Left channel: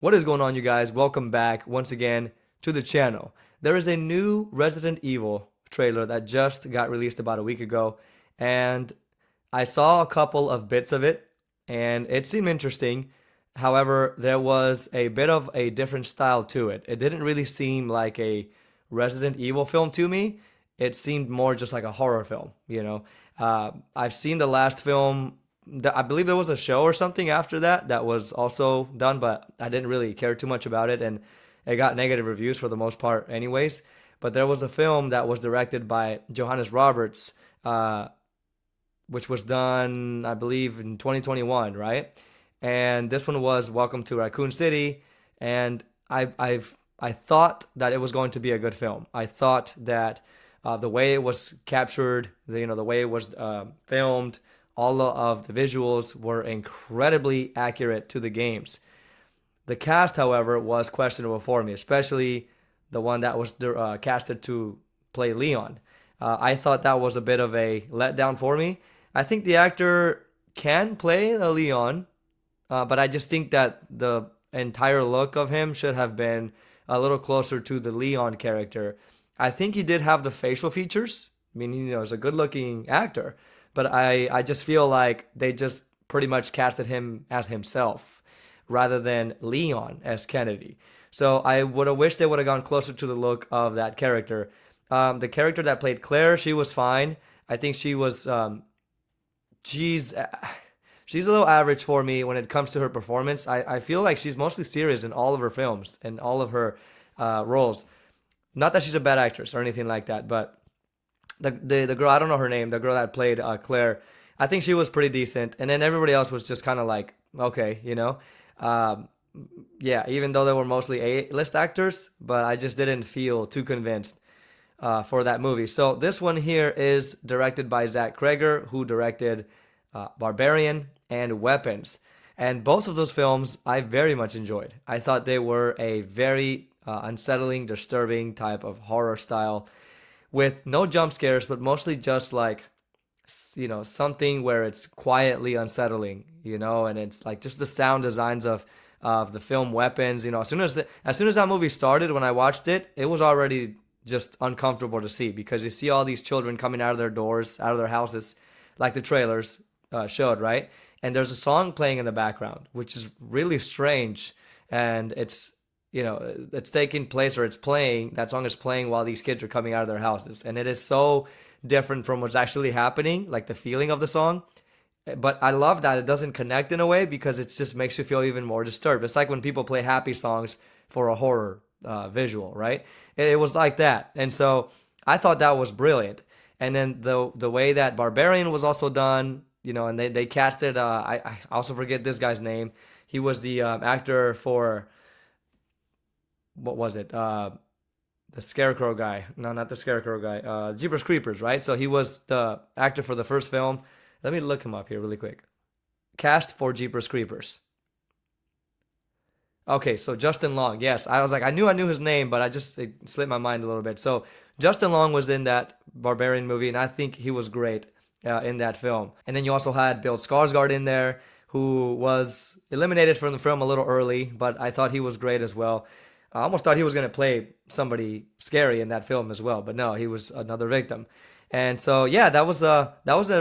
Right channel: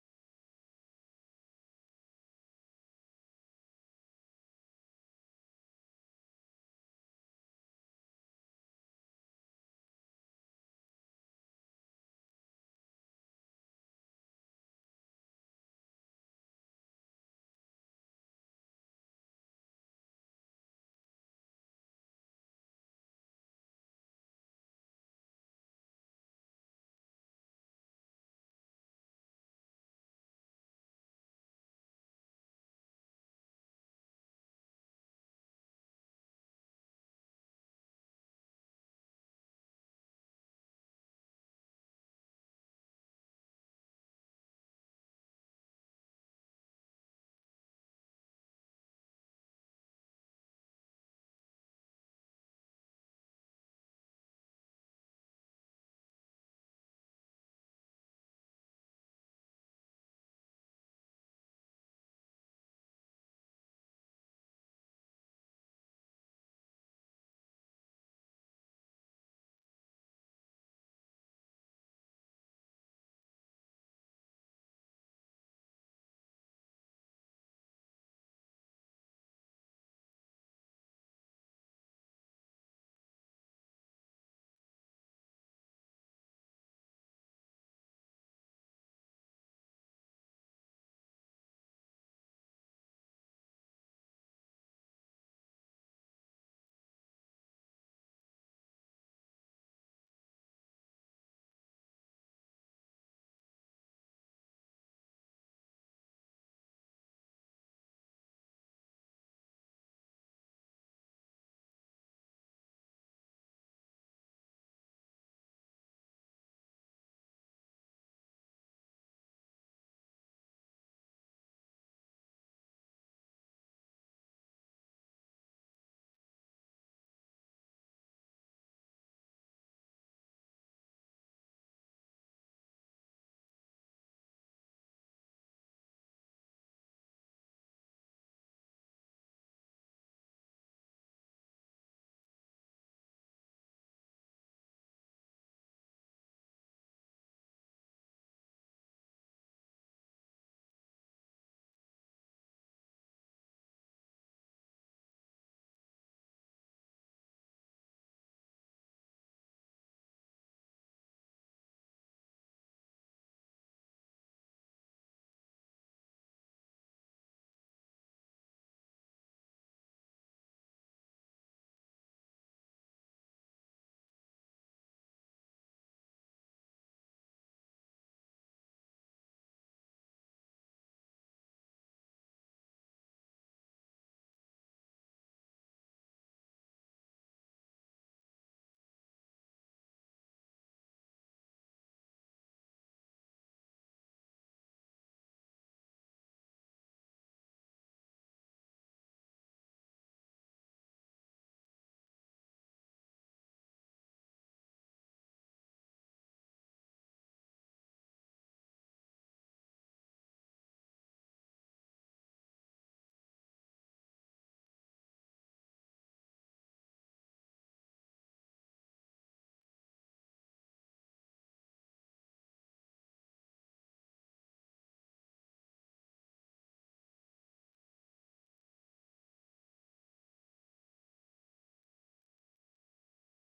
What is going on, you guys? Welcome back once again to the channel. There is a new Resident Evil trailer that just got released about a week ago, and I saw a couple of bits of it, and it seemed interesting. However, there was a bit of a different style to it. It didn't really seem like a Resident Evil film to me. It seemed more just like a horror film. I've seen the last film. I believe there was a show or something after that was also done, but I didn't really care too much about it, and it got negative reviews for the most part, anyways. But there was a film that was directed by Johannes Roberts, which was done, I believe, in 2021, right? And this one was Welcome to Raccoon City, and I thought that it was going to be a good film. I thought that the way it was captured, the way it was filmed, all of the visuals were incredibly accurate to the games. The cast, however, was questionable for me, especially the one that was casted to play Leon. I thought that was a bit of a letdown for me. I think the actor can play a Leon, but I just think that the entire look of him should have been a little closer to the Leon character. I think he did have the facial features. I mean, he's a good-looking actor, but I just feel like they just pretty much casted him as himself rather than Leon as Kennedy. So I would have wished they would have gone closer to the look of that character. The character that played Claire, she was fine. I think she was, she's a little average for me when it comes to her performance. I feel like she's mostly serious in all of her films and all of her roles. Not that she's a bad actress or anything like that, but the girl, I don't know her name, the girl that played Claire, I think she was pretty decent. And then everybody else was just kind of like, okay. Yeah, even though they were mostly A-list actors, but I just didn't feel too convinced for that movie. So this one here is directed by Cregger, who directed Barbarian and Weapons. And both of those films I very much enjoyed. I thought they were a very unsettling, disturbing type of horror style with no jump scares, but mostly just like, something where it's quietly unsettling, and it's like just the sound designs of the film Weapons. As soon as that movie started, when I watched it, it was already just uncomfortable to see because you see all these children coming out of their doors, out of their houses, like the trailers showed, right? And there's a song playing in the background, which is really strange, and it's taking place, or it's playing, that song is playing while these kids are coming out of their houses, and it is so different from what's actually happening, like the feeling of the song. But I love that it doesn't connect in a way because it just makes you feel even more disturbed. It's like when people play happy songs for a horror visual, right? It was like that, and so I thought that was brilliant. And then the way that Barbarian was also done, and they casted, I also forget this guy's name. He was the actor for, what was it? The Scarecrow guy. No, not the Scarecrow guy. Jeepers Creepers, right? So he was the actor for the first film. Let me look him up here really quick. Cast for Jeepers Creepers. Okay, so Justin Long. Yes, I was like, I knew his name, but it slipped my mind a little bit. So Justin Long was in that Barbarian movie, and I think he was great in that film. And then you also had Bill Skarsgård in there, who was eliminated from the film a little early, but I thought he was great as well. I almost thought he was going to play somebody scary in that film as well, but no, he was another victim. And so, yeah, that was a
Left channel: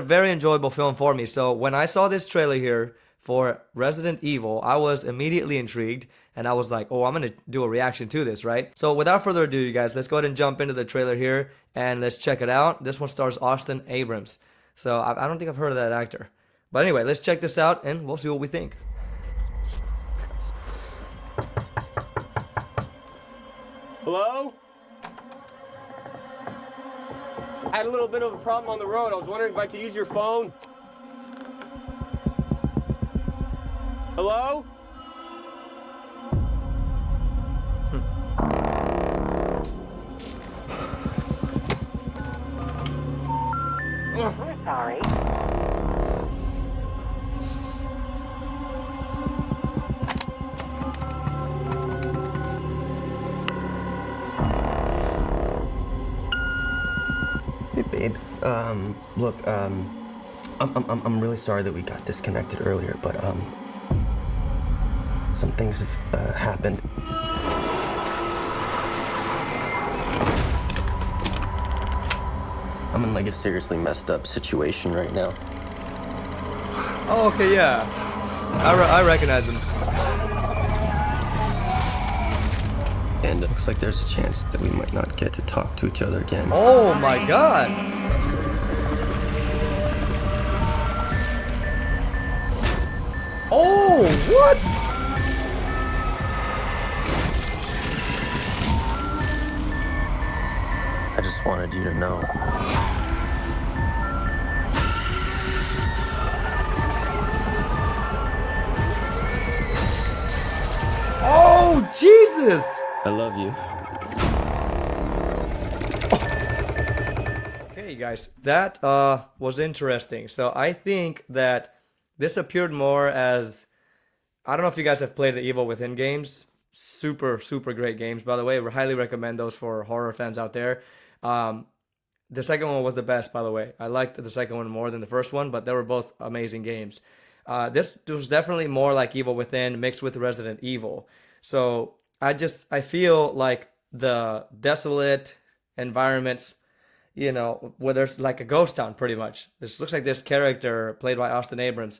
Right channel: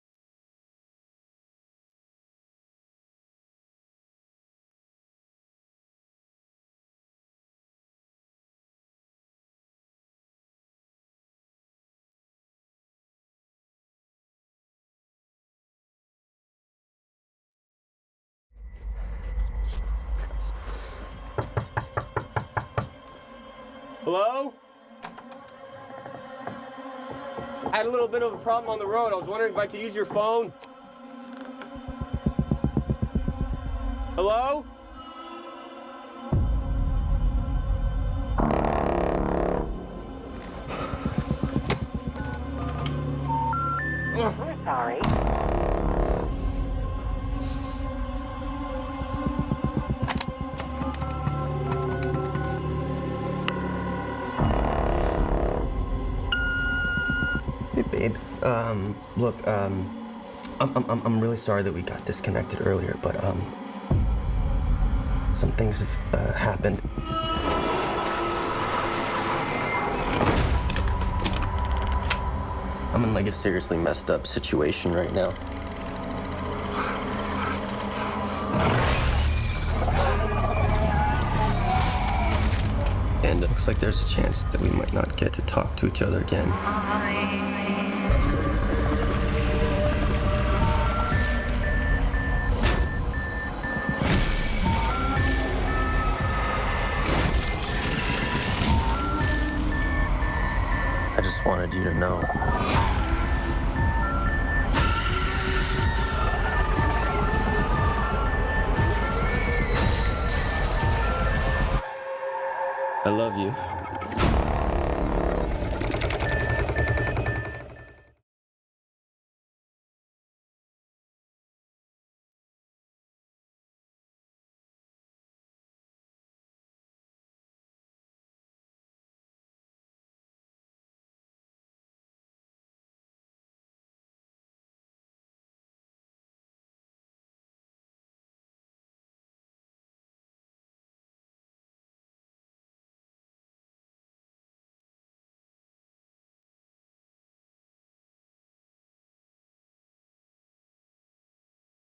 very enjoyable film for me. So when I saw this trailer here for Resident Evil, I was immediately intrigued, and I was like, oh, I'm going to do a reaction to this, right? So without further ado, you guys, let's go ahead and jump into the trailer here, and let's check it out. This one stars Austin Abrams. So I don't think I've heard of that actor. But anyway, let's check this out, and we'll see what we think. Hello? I had a little bit of a problem on the road. I was wondering if I could use your phone. Hello? We're sorry. Hey, babe. Look, I'm really sorry that we got disconnected earlier, but, Some things have happened. I'm in like a seriously messed up situation right now. Oh, okay, yeah. I recognize him. And it looks like there's a chance that we might not get to talk to each other again. Oh my god. Oh, what? I just wanted you to know. Oh, Jesus! I love you. Okay, guys, that was interesting. So I think that this appeared more as, I don't know if you guys have played the Evil Within games. Super, super great games, by the way. We highly recommend those for horror fans out there. The second one was the best, by the way. I liked the second one more than the first one, but they were both amazing games. This was definitely more like Evil Within mixed with Resident Evil. So I feel like the desolate environments, you know, where there's like a ghost town pretty much. This looks like this character played by Austin Abrams,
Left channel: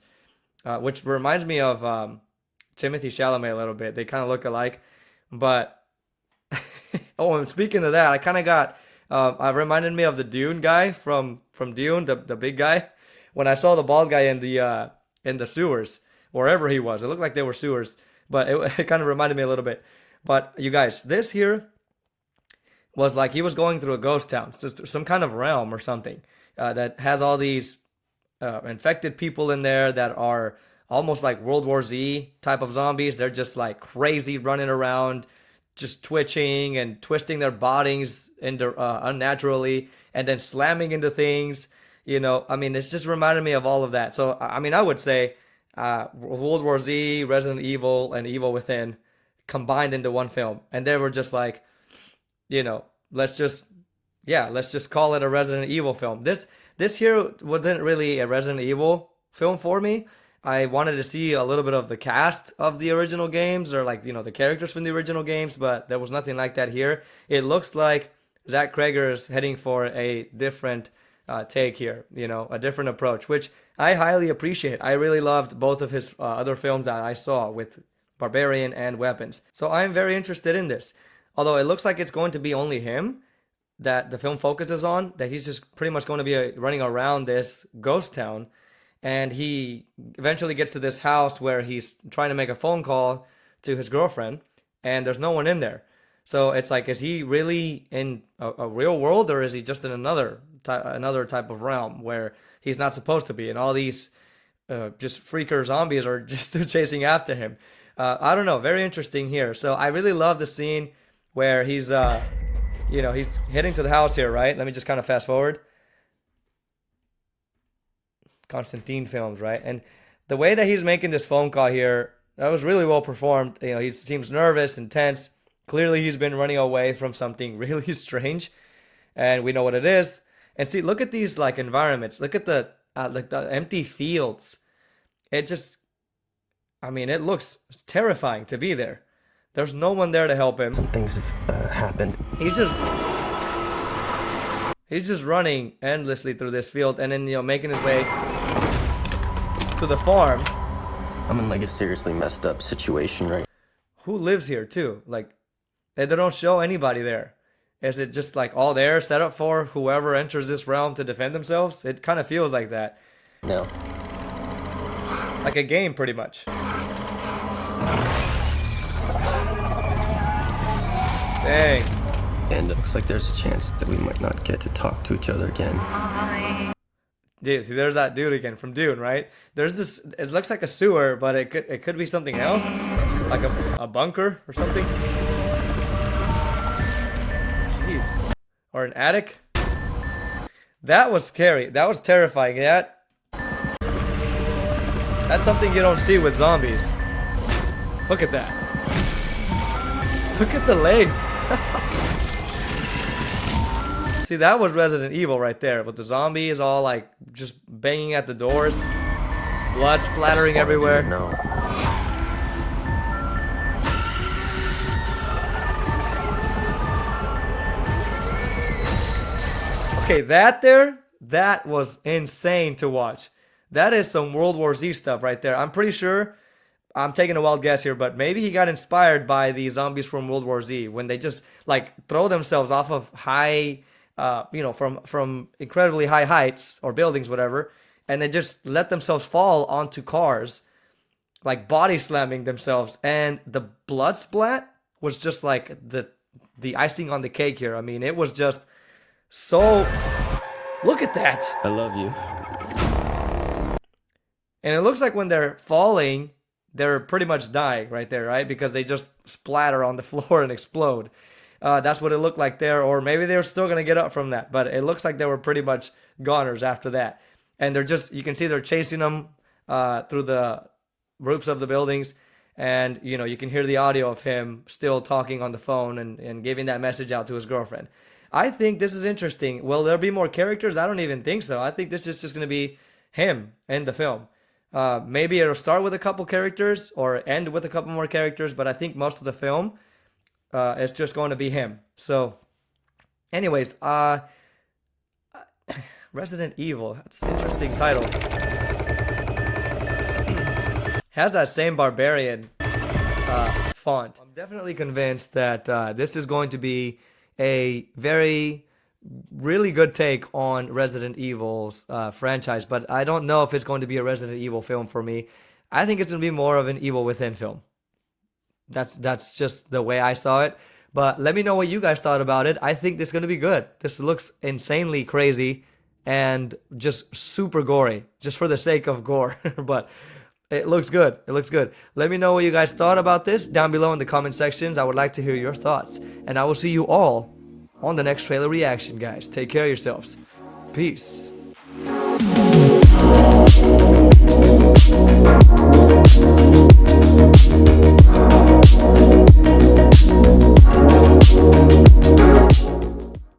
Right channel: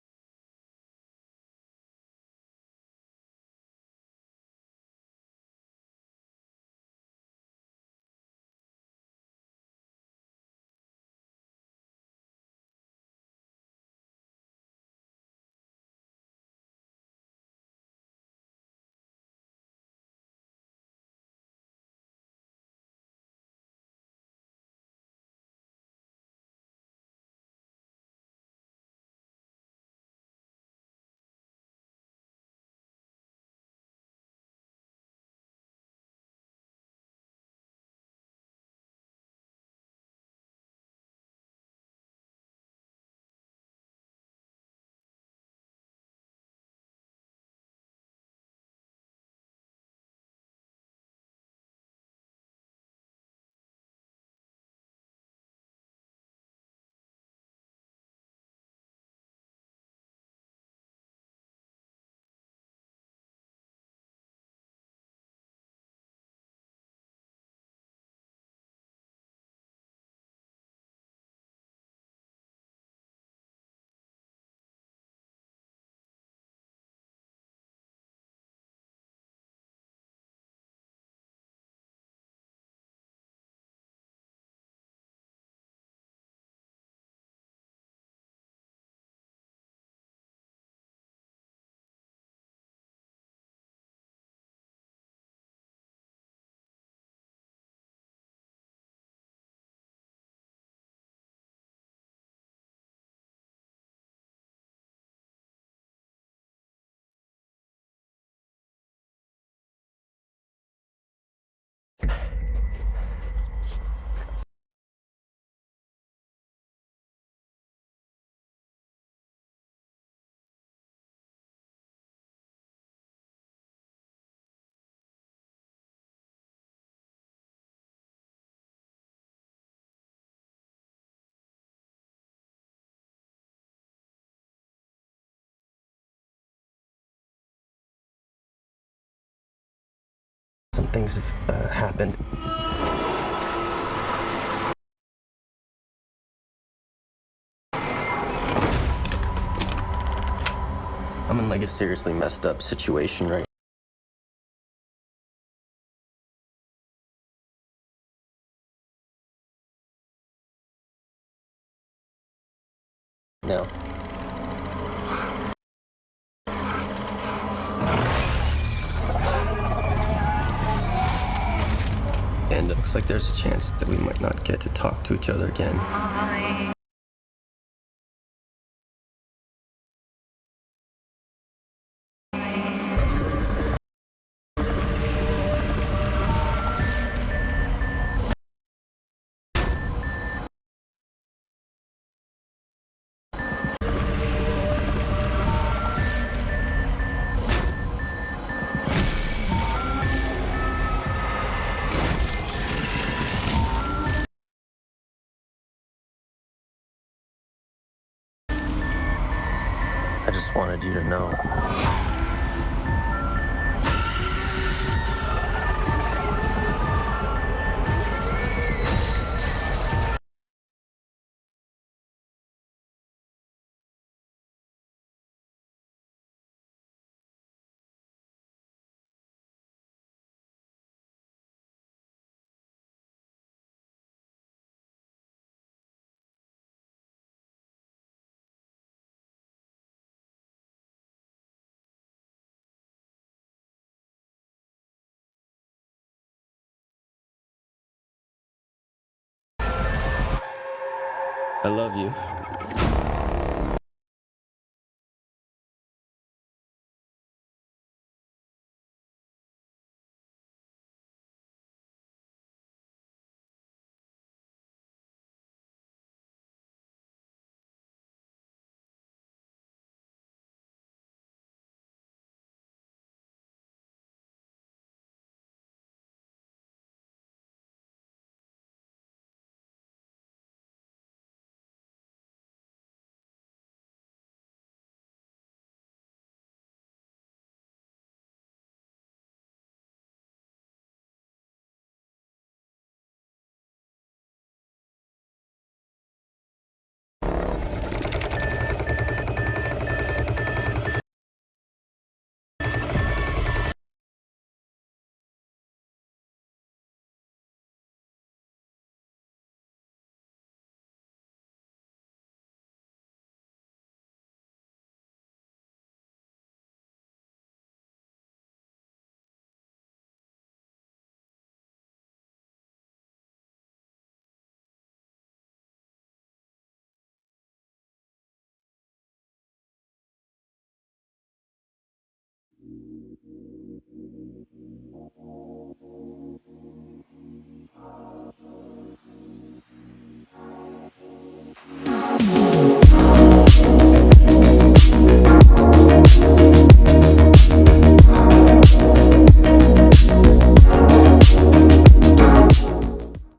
which reminds me of Timothy Chalamet a little bit. They kind of look alike, but oh, and speaking of that, I kind of got it reminded me of the Dune guy from Dune, the big guy. When I saw the bald guy in the sewers, wherever he was, it looked like they were sewers, but it kind of reminded me a little bit. But you guys, this here was like he was going through a ghost town, some kind of realm or something that has all these infected people in there that are almost like World War Z type of zombies. They're just like crazy running around, just twitching and twisting their bodies into unnaturally and then slamming into things. You know, I mean, it's just reminded me of all of that. So, I mean, I would say World War Z, Resident Evil, and Evil Within combined into one film. And they were just like, you know, let's just call it a Resident Evil film. This here wasn't really a Resident Evil film for me. I wanted to see a little bit of the cast of the original games or like, you know, the characters from the original games, but there was nothing like that here. It looks like Zach Cregger is heading for a different take here, you know, a different approach, which I highly appreciate. I really loved both of his other films that I saw with Barbarian and Weapons. So I'm very interested in this. Although it looks like it's going to be only him that the film focuses on, that he's just pretty much going to be running around this ghost town. And he eventually gets to this house where he's trying to make a phone call to his girlfriend, and there's no one in there. So it's like, is he really in a real world, or is he just in another type of realm where he's not supposed to be? And all these just freaker zombies are just chasing after him. I don't know. Very interesting here. So I really love the scene where he's, you know, he's heading to the house here, right? Let me just kind of fast forward. Constantine films, right? And the way that he's making this phone call here, that was really well performed. You know, he seems nervous and tense. Clearly, he's been running away from something really strange, and we know what it is. And see, look at these like environments. Look at the empty fields. It just, I mean, it looks terrifying to be there. There's no one there to help him. Some things have happened. He's just running endlessly through this field and then, you know, making his way to the farm. I'm in like a seriously messed up situation right Who lives here too? Like, they don't show anybody there. Is it just like all there set up for whoever enters this realm to defend themselves? It kind of feels like that. now. Like a game, pretty much. Dang. And it looks like there's a chance that we might not get to talk to each other again. Dude, see, there's that dude again from Dune, right? There's this. It looks like a sewer, but it could be something else, like a bunker or something. Jeez. Or an attic. That was scary. That was terrifying. That's something you don't see with zombies. Look at that. Look at the legs. See, that was Resident Evil right there, with the zombies all like just banging at the doors, blood splattering everywhere. Okay, that was insane to watch. That is some World War Z stuff right there. I'm pretty sure, I'm taking a wild guess here, but maybe he got inspired by the zombies from World War Z when they just like throw themselves off of high, from incredibly high heights or buildings, whatever, and they just let themselves fall onto cars, like body slamming themselves, and the blood splat was just like the icing on the cake here. I mean, it was just so. Look at that. I love you. And it looks like when they're falling, they're pretty much dying right there, right? Because they just splatter on the floor and explode. That's what it looked like there. Or maybe they're still going to get up from that. But it looks like they were pretty much goners after that. And they're just, you can see they're chasing them through the roofs of the buildings. And, you can hear the audio of him still talking on the phone and giving that message out to his girlfriend. I think this is interesting. Will there be more characters? I don't even think so. I think this is just going to be him in the film. Maybe it'll start with a couple characters or end with a couple more characters, but I think most of the film is just going to be him. So, anyways, Resident Evil. That's an interesting title. Has that same barbarian font. I'm definitely convinced that this is going to be a really good take on Resident Evil's franchise, but I don't know if it's going to be a Resident Evil film for me. I think it's going to be more of an Evil Within film. That's just the way I saw it. But let me know what you guys thought about it. I think this is going to be good. This looks insanely crazy and just super gory, just for the sake of gore. But it looks good. It looks good. Let me know what you guys thought about this down below in the comment sections. I would like to hear your thoughts. And I will see you all on the next trailer reaction, guys. Take care of yourselves. Peace.